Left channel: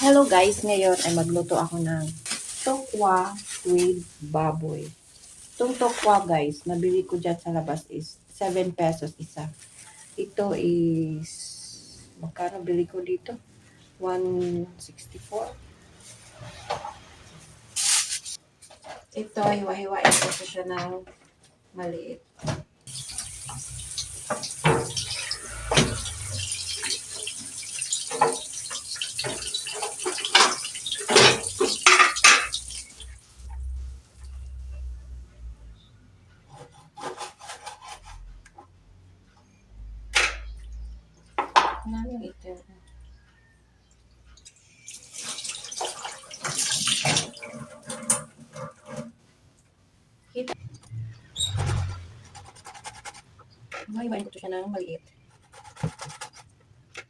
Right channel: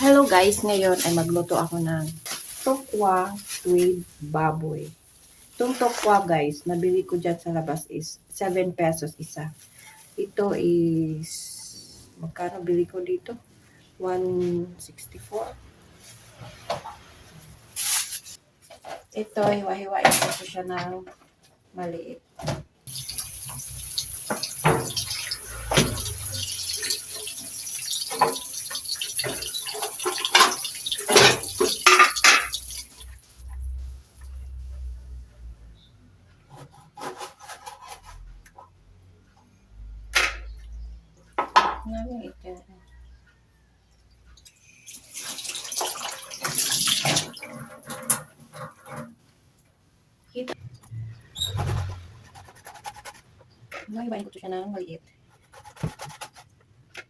Hello guys, ngayon ay magluto ako ng tokwa with baboy. Itong tokwa guys, nabili ko dyan sa labas is 7 pesos isa. Ito is, magkano bili ko dito? 164. Ito, hiwa-hiwain ko siya ng maliit. Namin ito. Kita. Hiwa-hiwain ko siya ng maliit.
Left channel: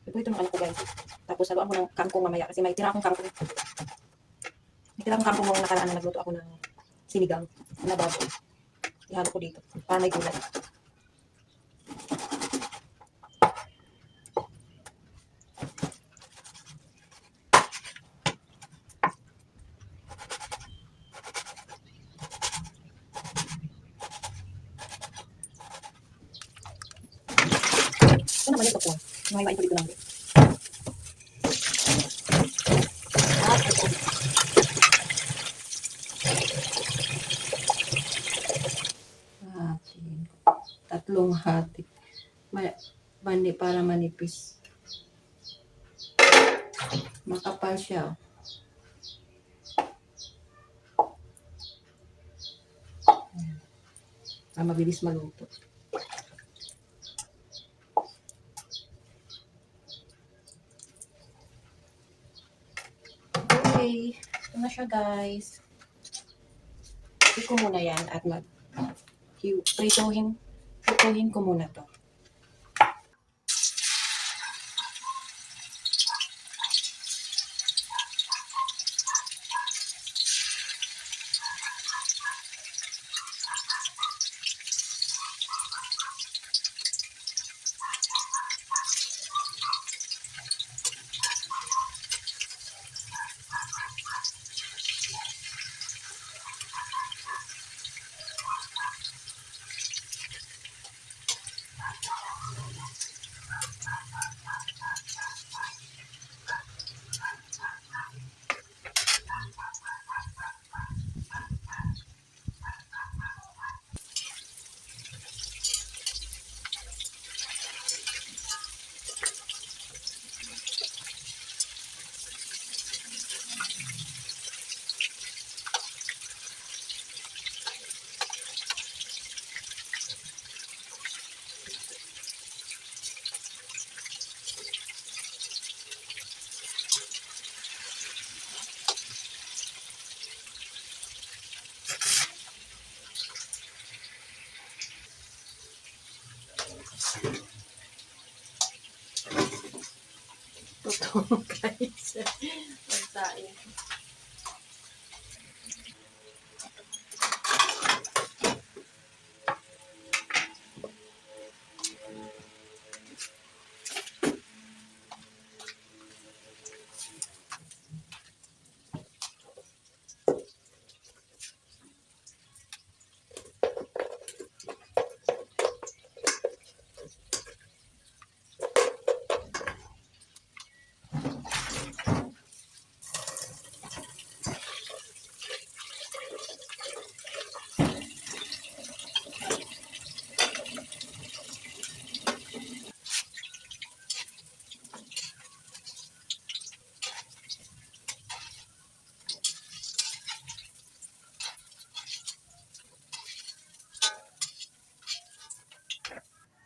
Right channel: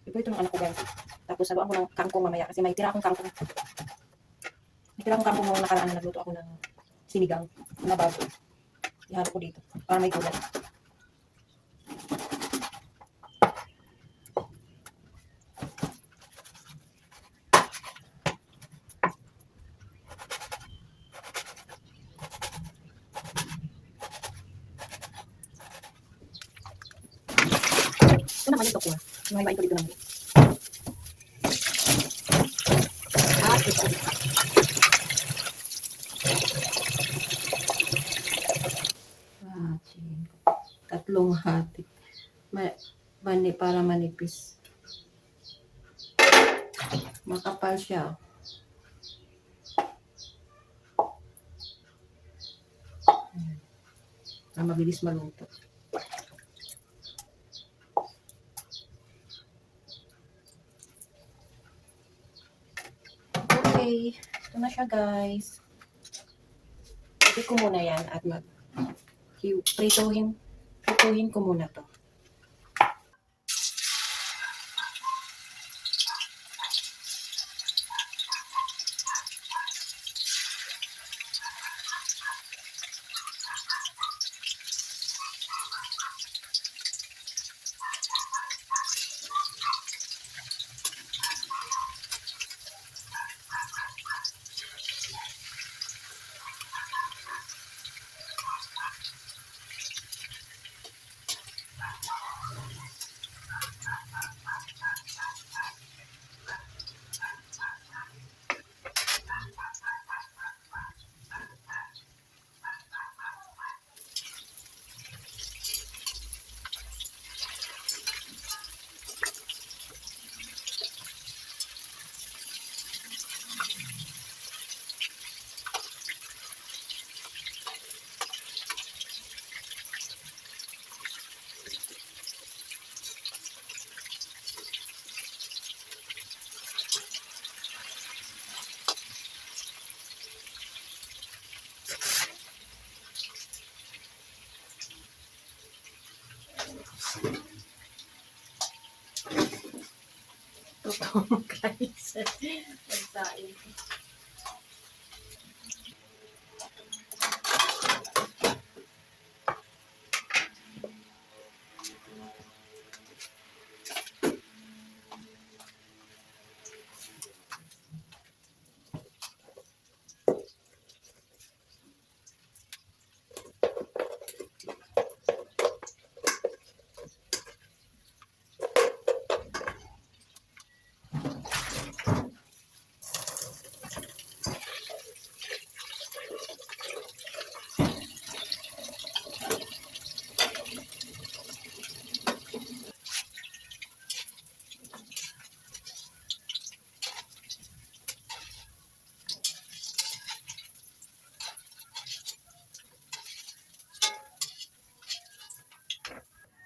Ito ng anak ko guys. Tapos saluan ko ng kangkong mamaya kasi may tira akong kangkong. May tira akong kangkong nung nakaraan na nagluto ako ng sinigang na baboy. Ihalo ko dito para may gulay. Ito naman yung tokwa. Hiwa-hiwain ko dito lang. Tatlong hati. Para manipis. Makapal siya. Para mabilis maluto. Okay. Ito na siya guys. Ito ko muna yan at prituhin ko muna to. Totoo guys. Magsain.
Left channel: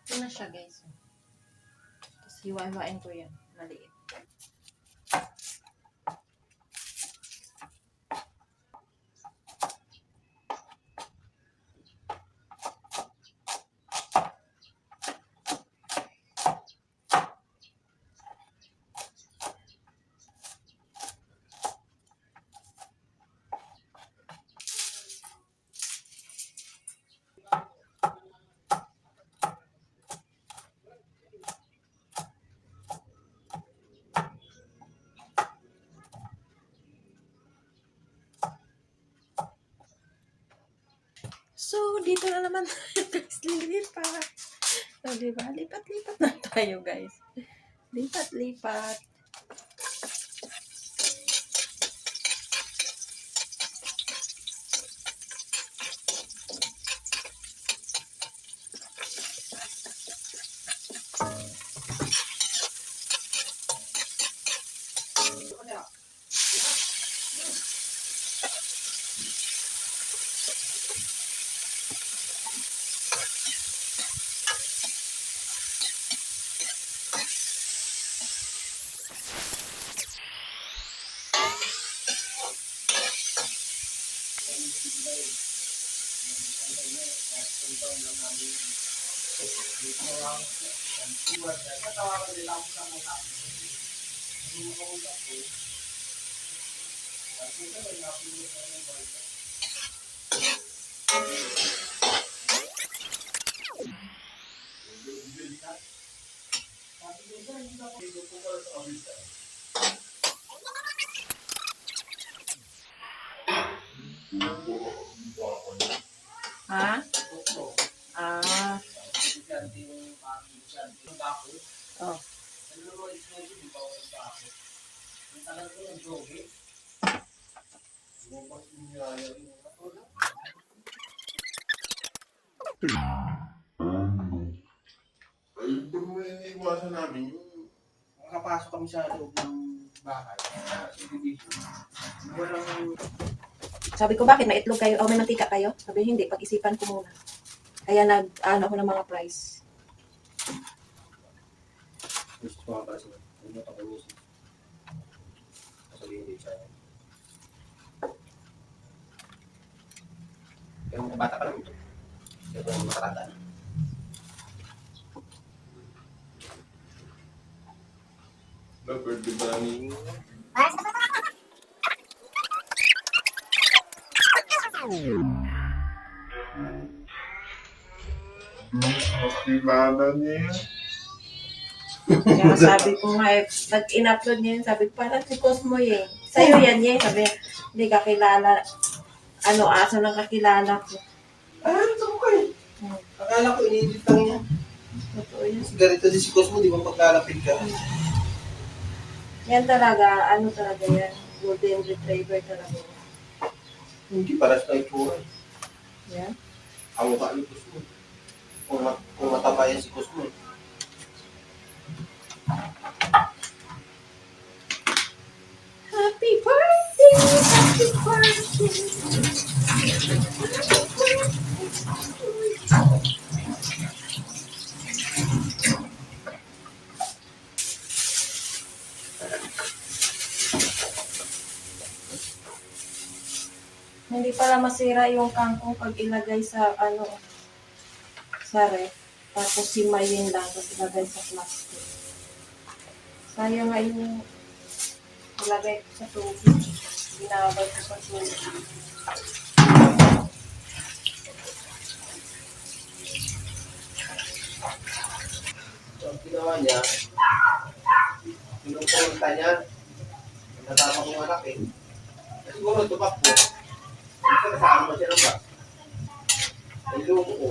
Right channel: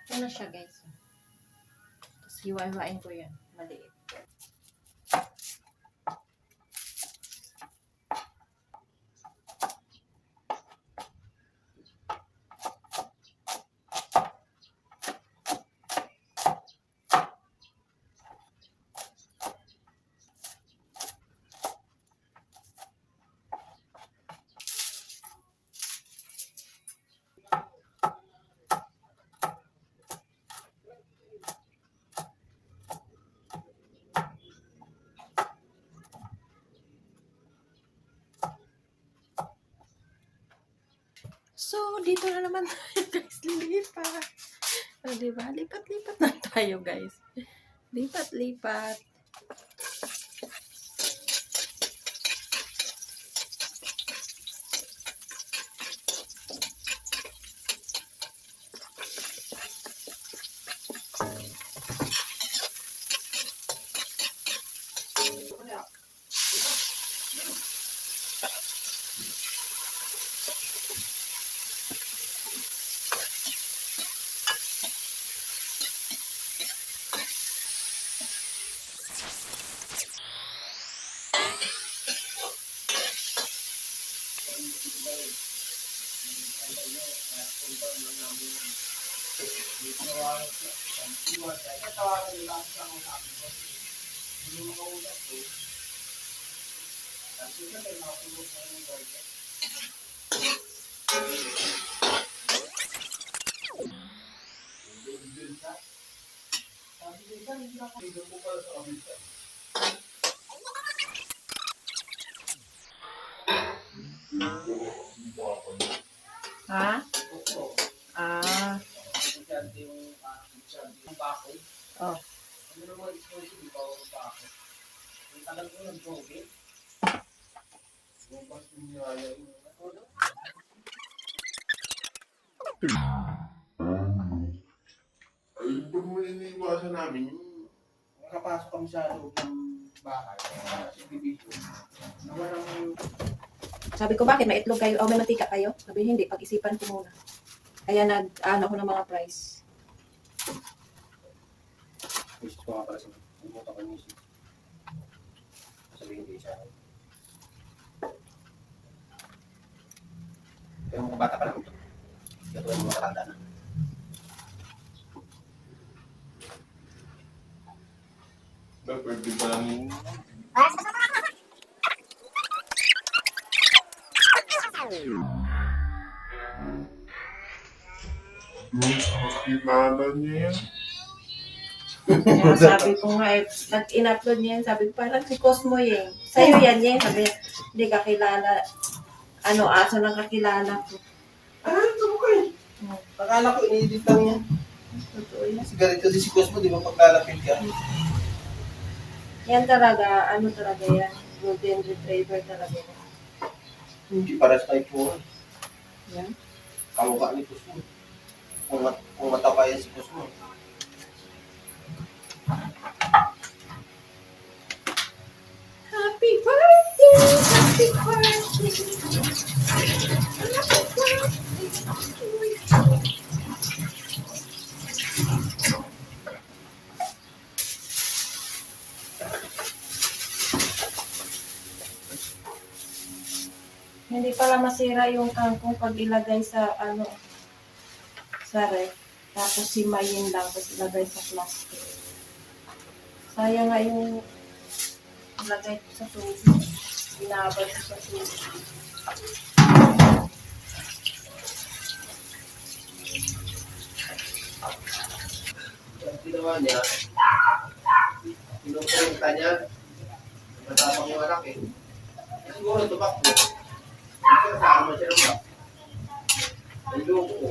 Ito na siya guys. Tapos hiwa-hiwain ko yan. Maliit. So, dito na naman tayo guys, lilipat. So, diba? Lipat-lipat na tayo guys. Lipat-lipat. Ha? Ah. Oh. Ay, kung may iniiwasan namin, yung makapasok kami sa loob ng bahay, sa subdivision. Walang Sabi ko, bakit may itlog kayo? O may mantika kayo? Sabi, hindi. Pag-isipan ko muna. Kaya nag-ano ako ng mga price. gusto ko nga pala sa mga. Ano mo ito kay Mrs. Sasabihin hindi siya. Pero mga bata pa lang ito. Kaya ito yung matanda na. Pwede ba lang yung... Kakilala niya yan. Kaya sabi ko nga, pag in-upload niya yun, sabi ko, parang si Cosmo yun. Sa'yo yan yun. Sabi, hindi kakilala. Ano, aso lang kakilala ko. Ito ko kayo. Akala ko inedit lang yan. Totoo yan. Kasi ganito din si Cosmo, di ba paglalapit ka? Yan talaga, ano talaga yan. Golden Retriever talaga yan. Hindi paras na itsura. Yan. Kamukha ni Cosmo. Kung mataba yan si Cosmo. Happy birthday! Happy birthday! Happy birthday! Hindi pala masira yung kangkong pag ilagay sa ano sa ref. Tapos simayin lang tapos ilagay sa plastic. Sayang nga yung ilagay ko sa tubig. Binabad ko sa tubig. So, ang ginawa niya, pinupunta niya, natapang yung anak eh. Siguro tumakbo. Kasi kasama siya ng ba? Ay, loko ko.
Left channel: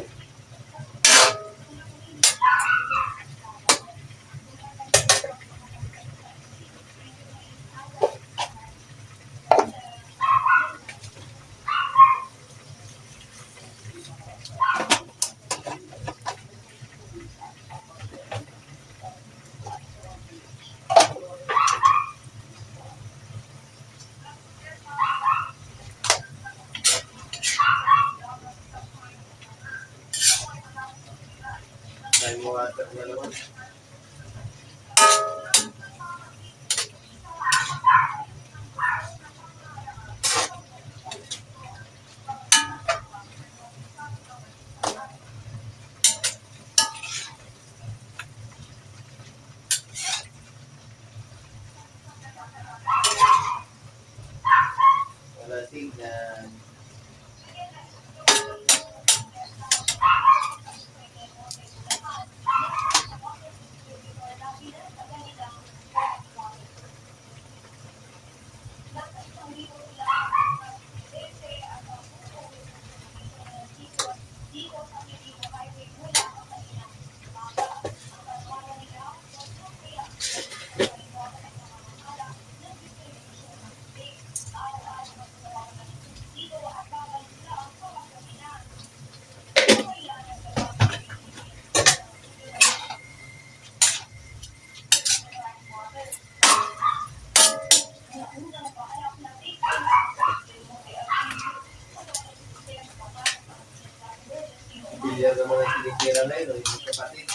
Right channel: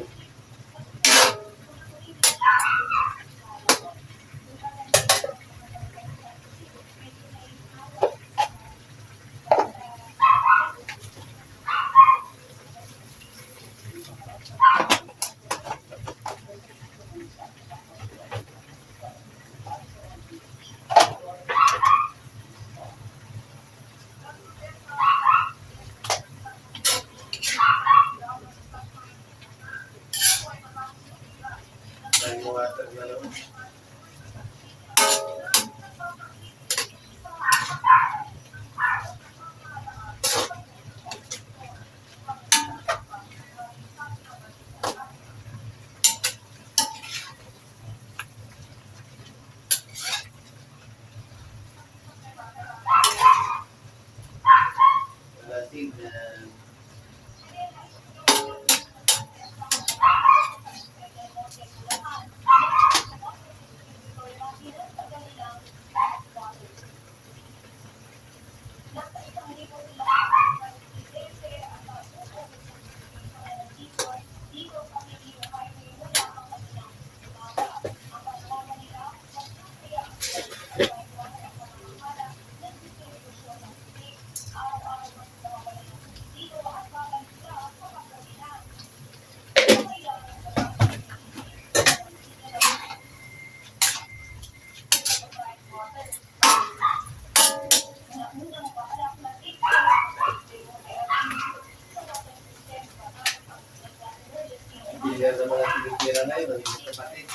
Pamilyar naman ang tinitira na yun, yung kapatid.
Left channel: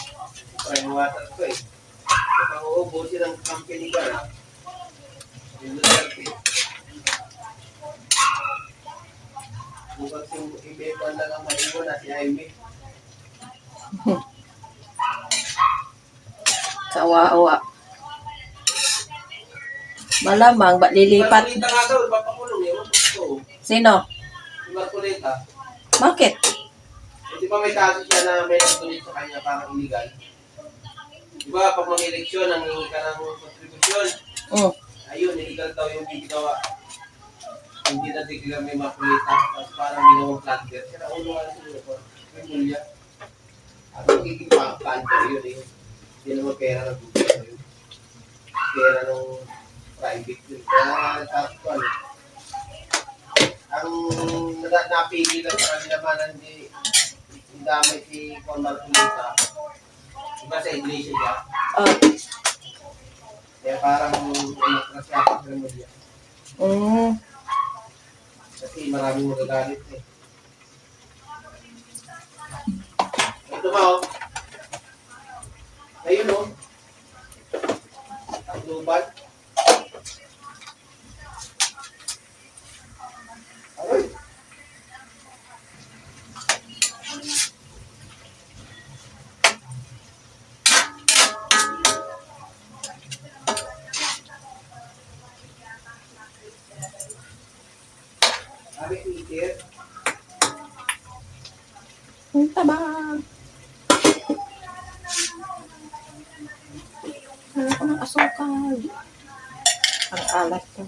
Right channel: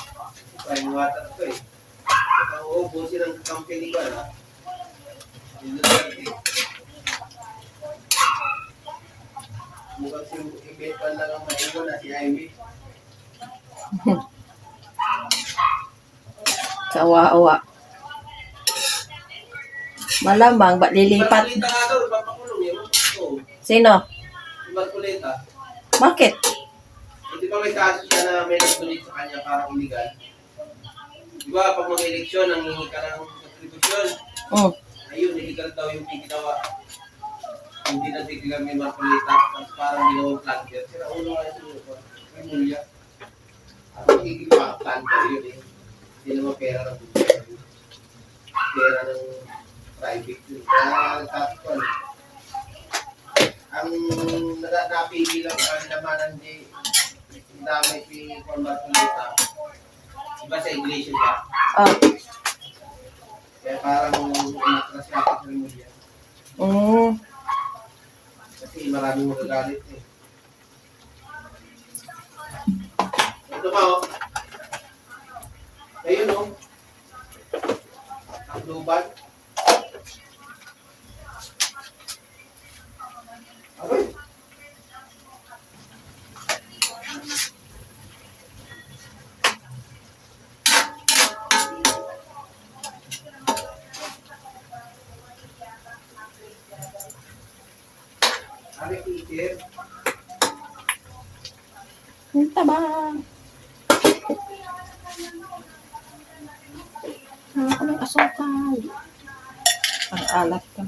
Prime water ko eh. Kapag uubusin ang company ka na, yung Duterte. Bukas yung ibebal lang ang maiwan na si Jaime. Kawawa. Malamang, ba lilipat? Marcolita nga daw, ipapakulong yun. Oo. Sino? Si Marcolita. Bakit? Di ba may kaso siya na may nagtulit sa kanya parang illegal? Di ba pag mag-eleksyon, nangingi ka ng kontribusyon, Mm. ayun, illegal daw yung ginawa. Hindi na declare may Marcolita, tapos parang ginawang planter. Sira ulo nga siguro ko, may mulya. At magiging planter yun eh. Hindi naman pera ng gobyerno yun. Pera ng private yun. Kaya tapos ko ano, ang napili lang sa kanila man hindi damay si Juan Marcolita. Iba sa iglesia siya. Oh. Kaya parang umatras siya sa mulya. Mm. Kasi maraming magagalit eh. Ito ka oh. Ayun oh. Ang lubat. Aroy. Ari teacher. Ang taba. Ano ko ng asukal? Ang alat ka.